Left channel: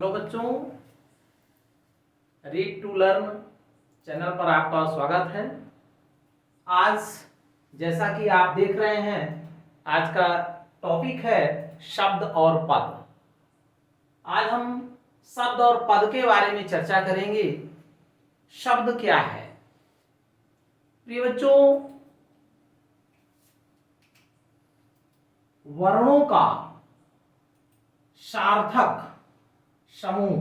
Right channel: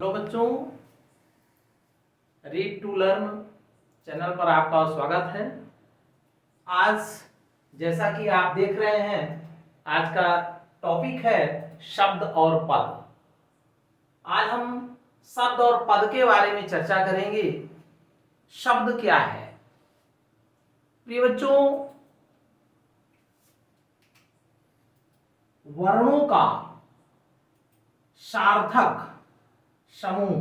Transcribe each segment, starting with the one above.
Hello बच्चों, read to learn channel पर आपका स्वागत है। आज जैसा कि आप देख रहे हैं, आज का टॉपिक है शब्द और पद। आज हम शब्द और पद के बारे में चर्चा करेंगे। शब्द क्या है? प्रिय बच्चों, वर्णों का सार्थक समूह,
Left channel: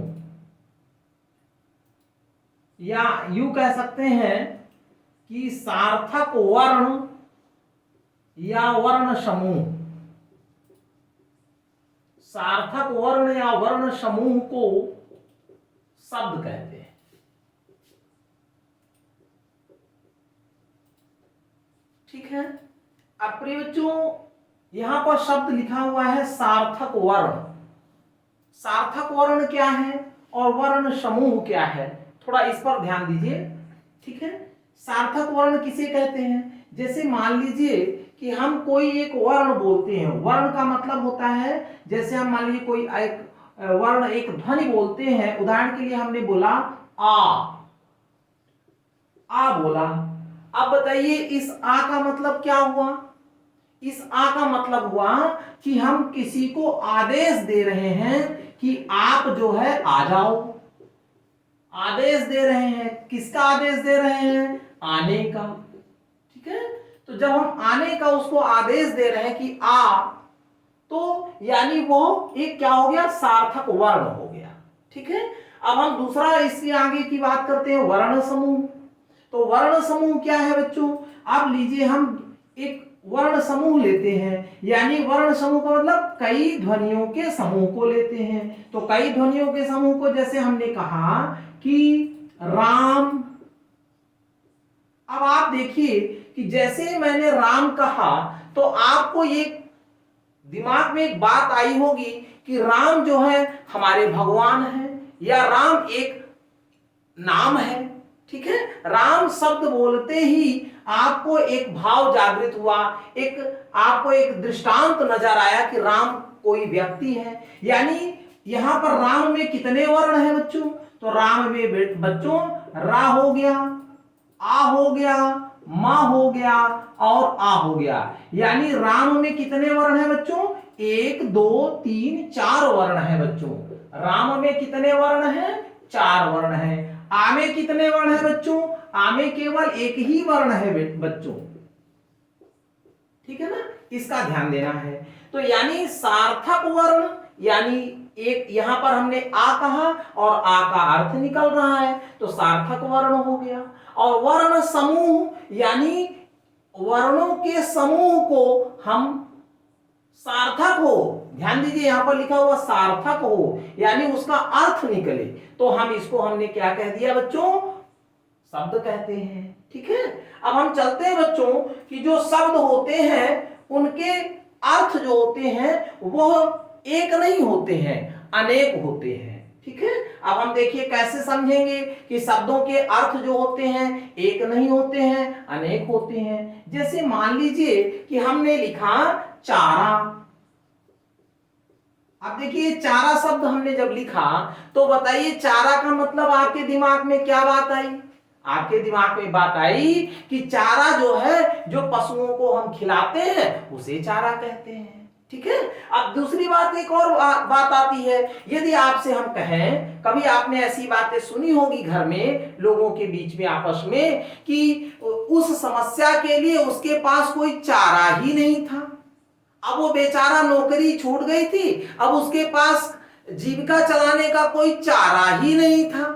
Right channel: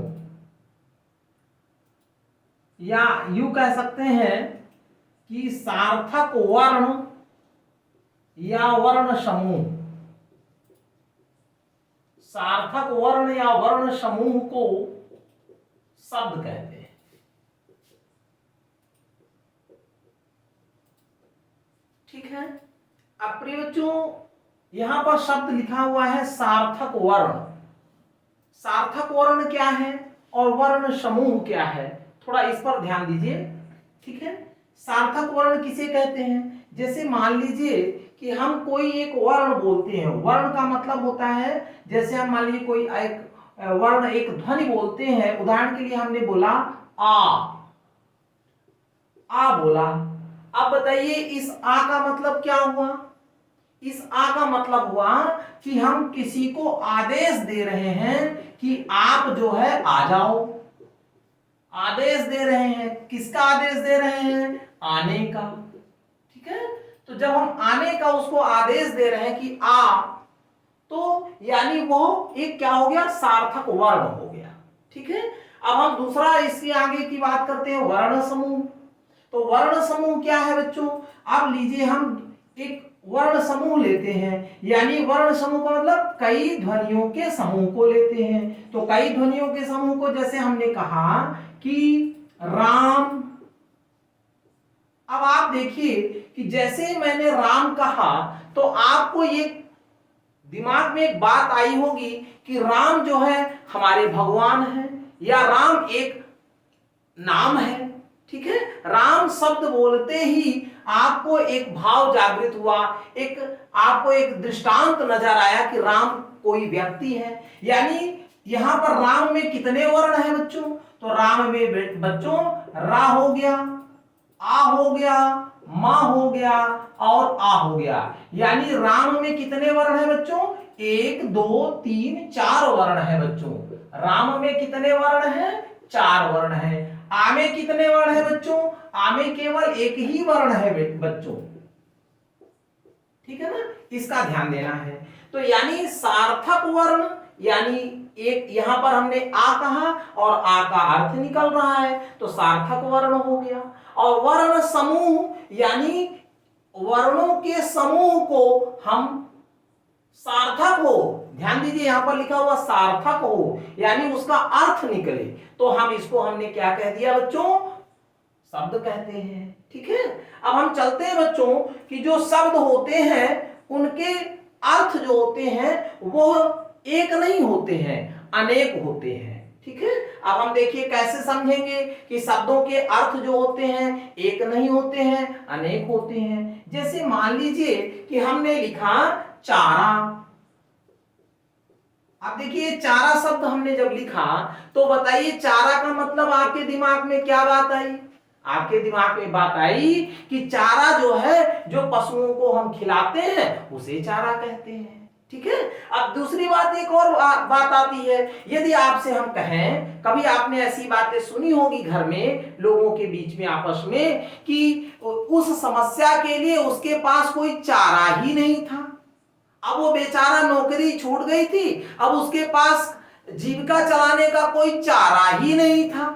या यूं कह सकते हैं कि सार्थक वर्ण या वर्ण समूह। सार्थक वर्ण या वर्ण समूह को शब्द कहते हैं। ठीक है। अब प्रिय बच्चों, यहां पर शब्द लिखा हुआ है सार्थक वर्ण। सार्थक वर्ण क्या है और वर्ण समूह क्या है, थोड़ा इस पर ध्यान दीजिए। ठीक है। सार्थक वर्ण किसे कहते हैं? जैसे मान लीजिए कि हम कोई एक वर्ण बोलते हैं। वर्ण का मतलब होता है, जैसे हम मान लीजिए कोई एक वर्ण, एक ध्वनि बोलते हैं। उदाहरण के लिए हमने बोला आ बोला। अब बताइए इस आ का मतलब क्या हुआ? इस आ का मतलब हुआ कि हम किसी को आदेश दे रहे हैं कि आप जो है आ जाओ। आदेश दे रहे हैं। किसका आदेश दे रहे हैं? आने का। ठीक है। तो जब हम आने का उसको आदेश दे रहे हैं कि आ, तो यानी वो एक क्या हो गया? सार्थक वर्ण हो गया। ठीक है। अब हम दूसरा इसके आगे की बात करते हैं, वर्ण समूह। तो वर्ण समूह क्या है बच्चों? आप लीजिए, हम एक वर्ण समूह लेते हैं, यानी वर्ण समूह का मतलब कई ध्वनियों के समूह को लेते हैं। तो कई ध्वनियों के समूह को, जैसे हमने कहा कि राम। अब आप देखिए कि जैसे मैंने राम कहा तो आपको ये दिमाग में एक बात आई होगी कि राम जो है हमारे भगवान है, या राम एक नाम है। ठीक है। राम शब्द बोलते ही आपको एक भाव जागृत हुआ, एक आपको एक दृष्टांत नजर आया कि राम कोई व्यक्ति है। यानी यहां पर राम में कितने वर्ण हैं बच्चों? तो राम में बच्चों रा हो गया, आ हो गया, मा हो गया और आ हो गया। यानी राम में कितने वर्ण हैं बच्चों? 1 2 3 4 वर्ण हैं बच्चों। राम में कितने वर्ण हैं? 4 वर्ण हैं। आ में कितने वर्ण हैं बच्चों? आ में केवल एक ही वर्ण है बच्चों। ठीक है ना, इसका ध्यान देना है। तो यानी सार्थक वर्ण, यानी एक यहां पर हमने आ कहा और आ का अर्थ निकल रहा है, तो सार्थक वर्ण हो गया। और वर्ण समूह, यानी वर्णों के समूह को हम सार्थक हो, ध्यान दीजिए यहां पर लिखा हुआ सार्थक हो, यानी उसका अर्थ निकले, तो हम इसको हमने क्या कह दिया बच्चों? शब्द कहते हैं। ठीक है। अब हम चलते हैं बच्चों कि जो शब्द होते हैं उनके अर्थ जो होते हैं वो एक नहीं होते हैं, अनेक होते हैं। ठीक है। अब हम देखिए कैसे समझेंगे कि शब्दों के अर्थ जो होते हैं एक नहीं होते हैं, अनेक होते हैं। जैसे मान लीजिए कि हमने लिखा चारा। अब देखिए चारा शब्द हमने जब लिखा तो बताइए चारा का मतलब आपके दिमाग में क्या बात आई? आपके दिमाग में बात आई कि चारा जो है, जो पशुओं को हम खिलाते हैं उसे चारा कहते हैं। ठीक है। अब दूसरी बात, एक और बात आती है। यदि आपसे हम कहें, कभी आपने ऐसी बातें सुनी होगी घर में लोगों के बीच में आपस में, कि उस समस्या के लिए उसके पास कोई चारा ही नहीं था। अब वो बेचारा नौकरी छूट गई थी, अब उसके पास जीविका चलाने का कोई चारा ही नहीं था।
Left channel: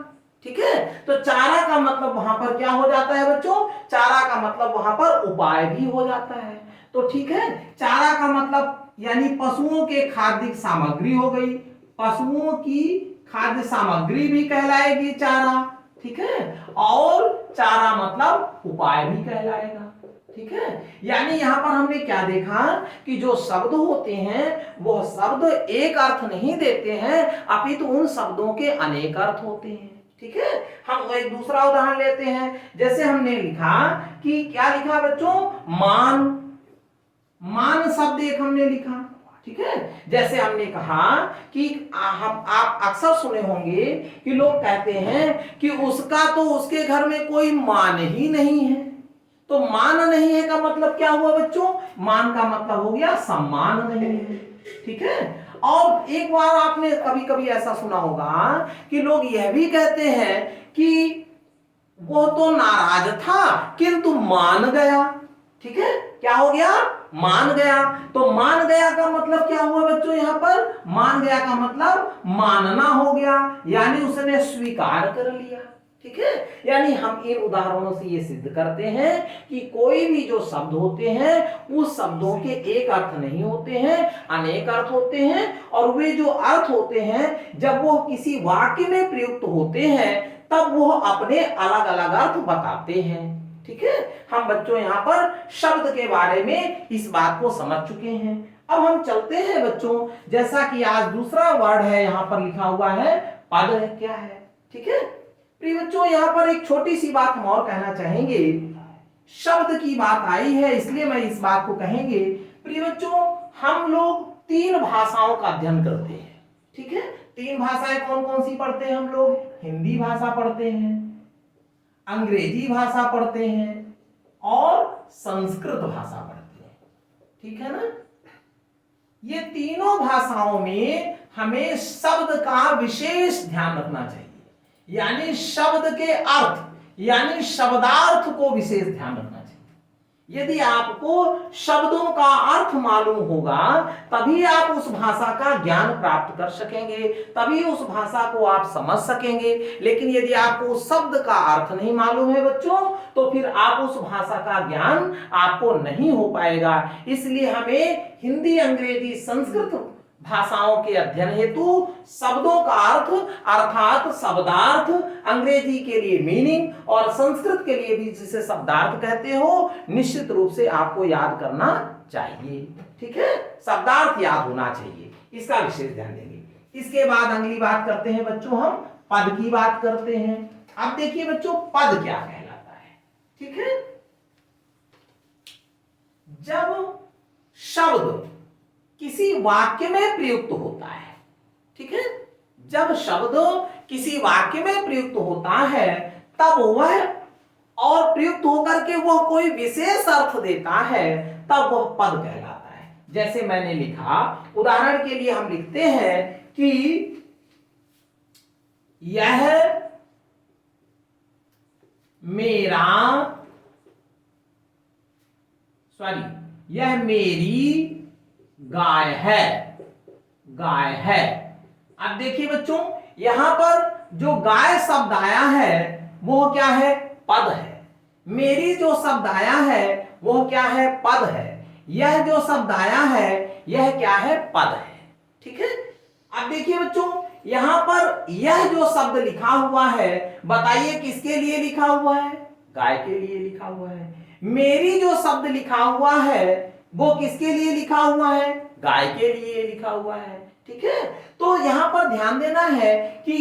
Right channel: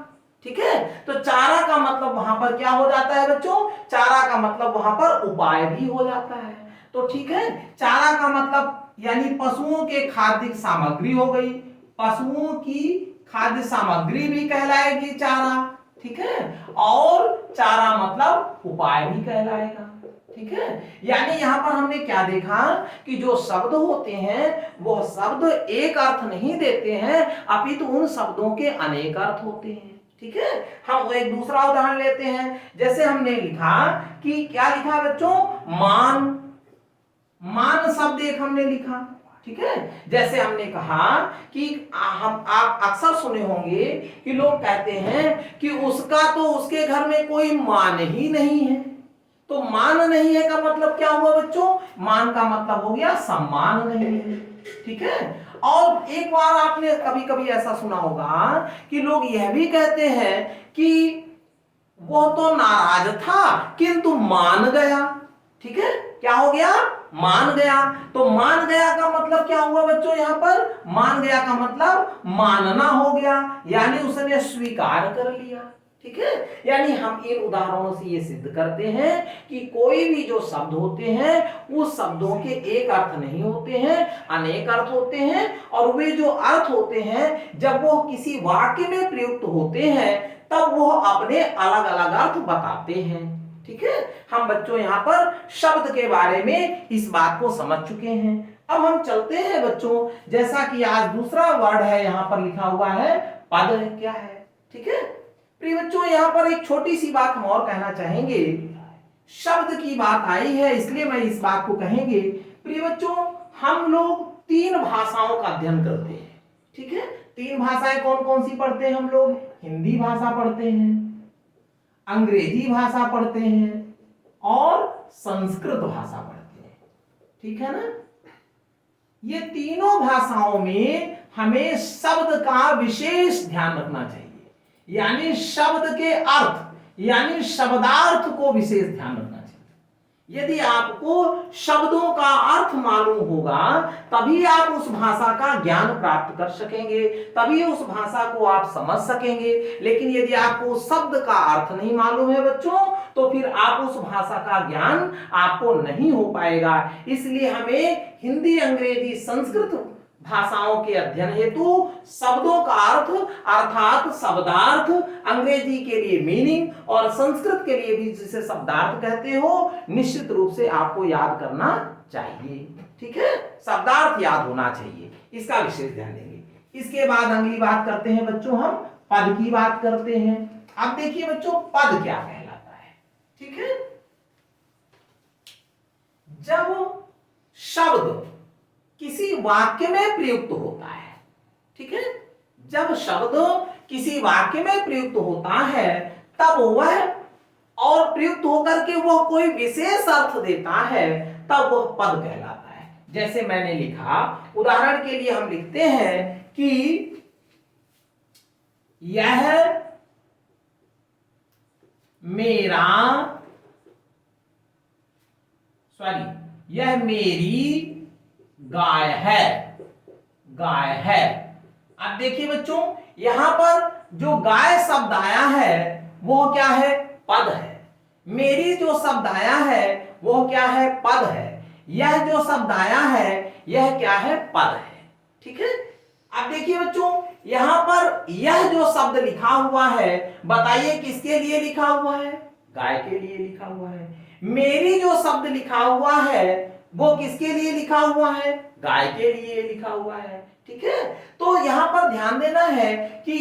ठीक है। तो चारा का मतलब वहां पर क्या हो जाता है बच्चों? चारा का मतलब वहां पर उपाय भी हो जाता है। तो ठीक है, चारा का मतलब यानी पशुओं के खाद्य सामग्री हो गई। पशुओं की खाद्य सामग्री भी कहलाएगी चारा। ठीक है। और चारा मतलब उपाय भी कहलाएगा। ठीक है। यानी यहां पर हमने क्या देखा कि जो शब्द होते हैं वह शब्द एक अर्थ नहीं देते हैं, अपितु उन शब्दों के अनेक अर्थ होते हैं। ठीक है। हम एक दूसरा उदाहरण लेते हैं। जैसे हमने लिखा कि क्या लिखा बच्चों? मान। मान शब्द एक हमने लिखा। ठीक है। जैसे हमने कहा कि हम आप अक्सर सुने होंगे कि लोग कहते हैं कि उसका तो उसके घर में कोई मान ही नहीं है। तो मान नहीं है का मतलब क्या हुआ बच्चों? मान का मतलब हो गया सम्मान नहीं है, ठीक है। और एक बार आपने कभी कभी ऐसा सुना होगा कि लोग यह भी कहते हैं कि वो तो नाराज था किंतु मान गया, ठीक है। क्या हो गया? मान गया। तो मान गया का मतलब क्या हुआ बच्चों? यहां पर मान गया का मतलब मानना हो गया, यानी उसने स्वीकार कर लिया, ठीक है। यानी हम इन उदाहरणों से ये सिद्ध करते हैं कि कोई भी जो शब्द होते हैं उस शब्दों के एक अर्थ नहीं होते हैं, अनेक अर्थ होते हैं। और वे जो अर्थ होते हैं जब वो किसी वाक्य में प्रयुक्त होते हैं तब वो अपने अलग अलग अर्थ बताते हैं, ठीक है। हम बच्चों यहाँ पर शब्द के बारे में इस बात को समझ चुके हैं। अब हम चलते हैं बच्चों, जैसा कि आज दूसरा वर्ड है यहाँ पर लिखा हुआ है पद है, क्या है, ठीक है। प्रिय बच्चों यहाँ पर एक छोटी सी बात हम और कहना चाहेंगे। शब्द की बात आई है इसलिए मैं इस बात को कहेंगे। प्रिय बच्चों हम लोग 3 भाषाओं का अध्ययन करते हैं, ठीक है। 3 भाषाएं कौन कौन सी पढ़ते हैं हम लोग? हिंदी भाषा पढ़ते हैं, अंग्रेजी भाषा पढ़ते हैं और संस्कृत भाषा पढ़ते हैं, ठीक है ना। ये तीनों भाषाओं में हमें शब्द का विशेष ध्यान रखना चाहिए, यानी शब्द के अर्थ यानी शब्दार्थ को विशेष ध्यान रखना चाहिए। यदि आपको शब्दों का अर्थ मालूम होगा तभी आप उस भाषा का ज्ञान प्राप्त कर सकेंगे, तभी उस भाषा को आप समझ सकेंगे। लेकिन यदि आपको शब्द का अर्थ नहीं मालूम है बच्चों तो फिर आप उस भाषा का ज्ञान आपको नहीं हो पाएगा। इसलिए हमें हिंदी, अंग्रेजी, संस्कृत भाषाओं के अध्ययन हेतु शब्दों का अर्थ अर्थात शब्दार्थ, अंग्रेजी के लिए मीनिंग और संस्कृत के लिए भी जिसे शब्दार्थ कहते हो, निश्चित रूप से आपको याद करना चाहिए, ठीक है। शब्दार्थ याद होना चाहिए, इसका विशेष ध्यान देंगे। इसके बाद अगली बात करते हैं बच्चों, हम पद की बात करते हैं। अब देखिए बच्चों पद क्या कहलाता है, ठीक है। जब शब्द किसी वाक्य में प्रयुक्त होता है, ठीक है। जब शब्द किसी वाक्य में प्रयुक्त होता है तब वह और प्रयुक्त होकर के वह कोई विशेष अर्थ देता है तब वह पद कहलाता है। जैसे मैंने लिखा, उदाहरण के लिए हम लिखते हैं कि यह मेरा यह मेरी गाय है, गाय है। अब देखिए बच्चों यहां पर जो गाय शब्द आया है वो क्या है? पद है। मेरी जो शब्द आया है वो क्या है? पद है। यह जो शब्द आया है यह क्या है? पद है, ठीक है। अब देखिए बच्चों यहां पर यह जो शब्द लिखा हुआ है बताइए किसके लिए लिखा हुआ है? गाय के लिए लिखा हुआ है। मेरी जो शब्द लिखा हुआ है वो किसके लिए लिखा हुआ है? गाय के लिए लिखा हुआ है, ठीक है। तो यहां पर ध्यान देना है कि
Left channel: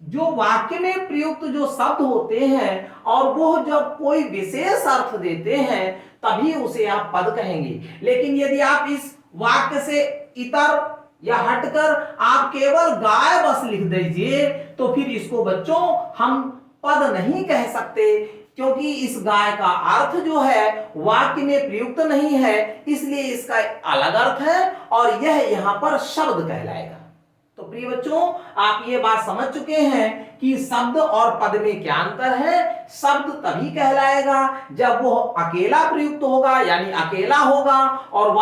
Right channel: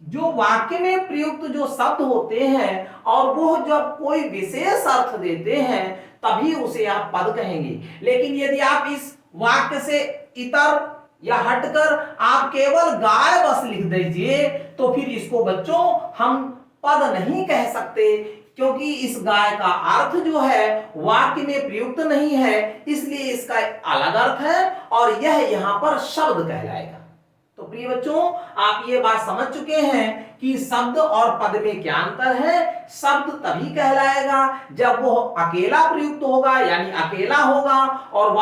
जो वाक्य में प्रयुक्त जो शब्द होते हैं और वो जब कोई विशेष अर्थ देते हैं तभी उसे आप पद कहेंगे। लेकिन यदि आप इस वाक्य से इतर या हटकर आप केवल गाय बस लिख दीजिए तो फिर इसको बच्चों हम पद नहीं कह सकते, क्योंकि इस गाय का अर्थ जो है वाक्य में प्रयुक्त नहीं है, इसलिए इसका अलग अर्थ है और यह यहां पर शब्द कहलाएगा। तो प्रिय बच्चों आप ये बात समझ चुके हैं कि शब्द और पद में क्या अंतर है। शब्द तभी कहलाएगा जब वो अकेला प्रयुक्त होगा यानी अकेला होगा, और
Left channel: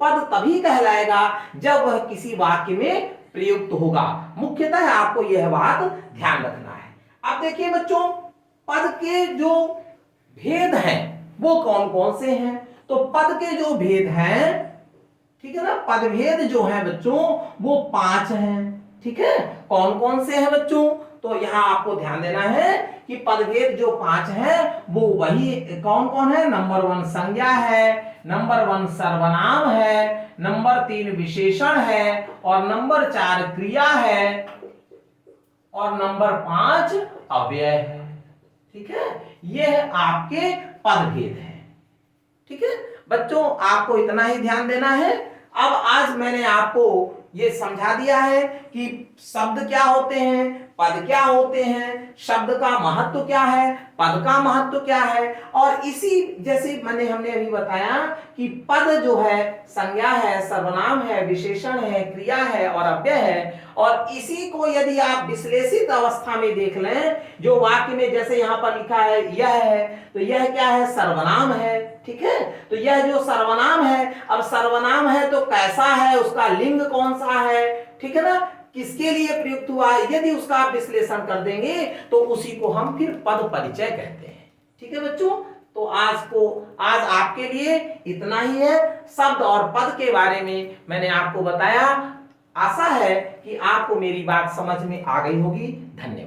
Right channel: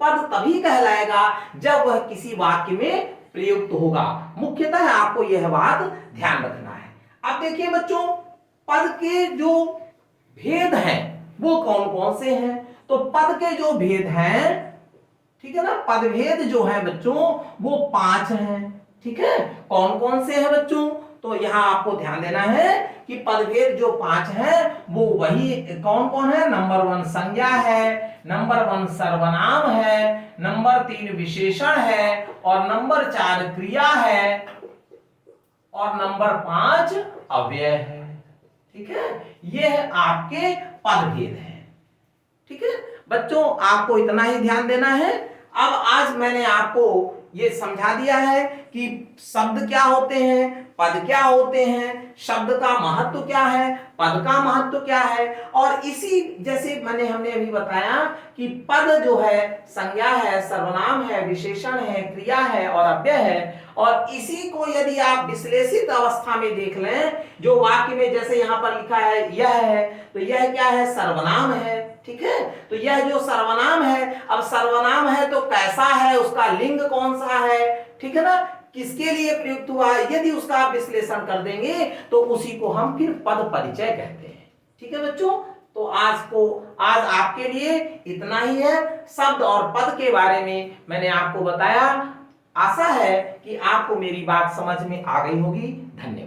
पद तभी कहलाएगा जब वह किसी वाक्य में प्रयुक्त होगा। मुख्यतः आपको यह बात ध्यान रखना है। अब देखिए बच्चों पद के जो भेद हैं वो कौन कौन से हैं? तो पद के जो भेद हैं, ठीक है ना, पद भेद जो है बच्चों वो 5 हैं, ठीक है। कौन कौन से हैं बच्चों? तो यहां आपको ध्यान देना है कि पदभेद जो 5 हैं वो वही कौन कौन है? नंबर 1 संज्ञा है, नंबर 1 सर्वनाम है, नंबर 3 विशेषण है, और नंबर 4 क्रिया है, और नंबर 5 अव्यय है, ठीक है। ये आपके पदभेद हैं, ठीक है बच्चों। आपको इतना ही ध्यान देना है। अब आज मैंने आपको ये समझा दिया है कि शब्द क्या होते हैं, पद क्या होते हैं, शब्द का महत्व क्या है, पद का महत्व क्या है। और इसी जैसे हमने अभी बताया कि पद जो है संज्ञा है, सर्वनाम है, विशेषण है, क्रिया है और अव्यय है। और इसी को यदि आप विश्लेषित अवस्था में देख लें, जो वाक्य में जैसे यहाँ पर लिखा है यह है, तो यह क्या है, सर्वनाम है। ठीक है, तो यह जो सर्वनाम है, अब सर्वनाम है तो कैसा है, उसका लिंग कौन सा है, ठीक है ना, किसके लिए प्रयुक्त हुआ है, यदि उसका आप विश्लेषण कर देंगे तो उसी को हम फिर पद परिचय कहते हैं। ठीक है बच्चों, तो आज आपके लिए इतना ही है। शब्द और पद के बारे में मैंने आपको बताया। आशा है कि आपको मेरी बात समझ में आ गई होगी। धन्यवाद।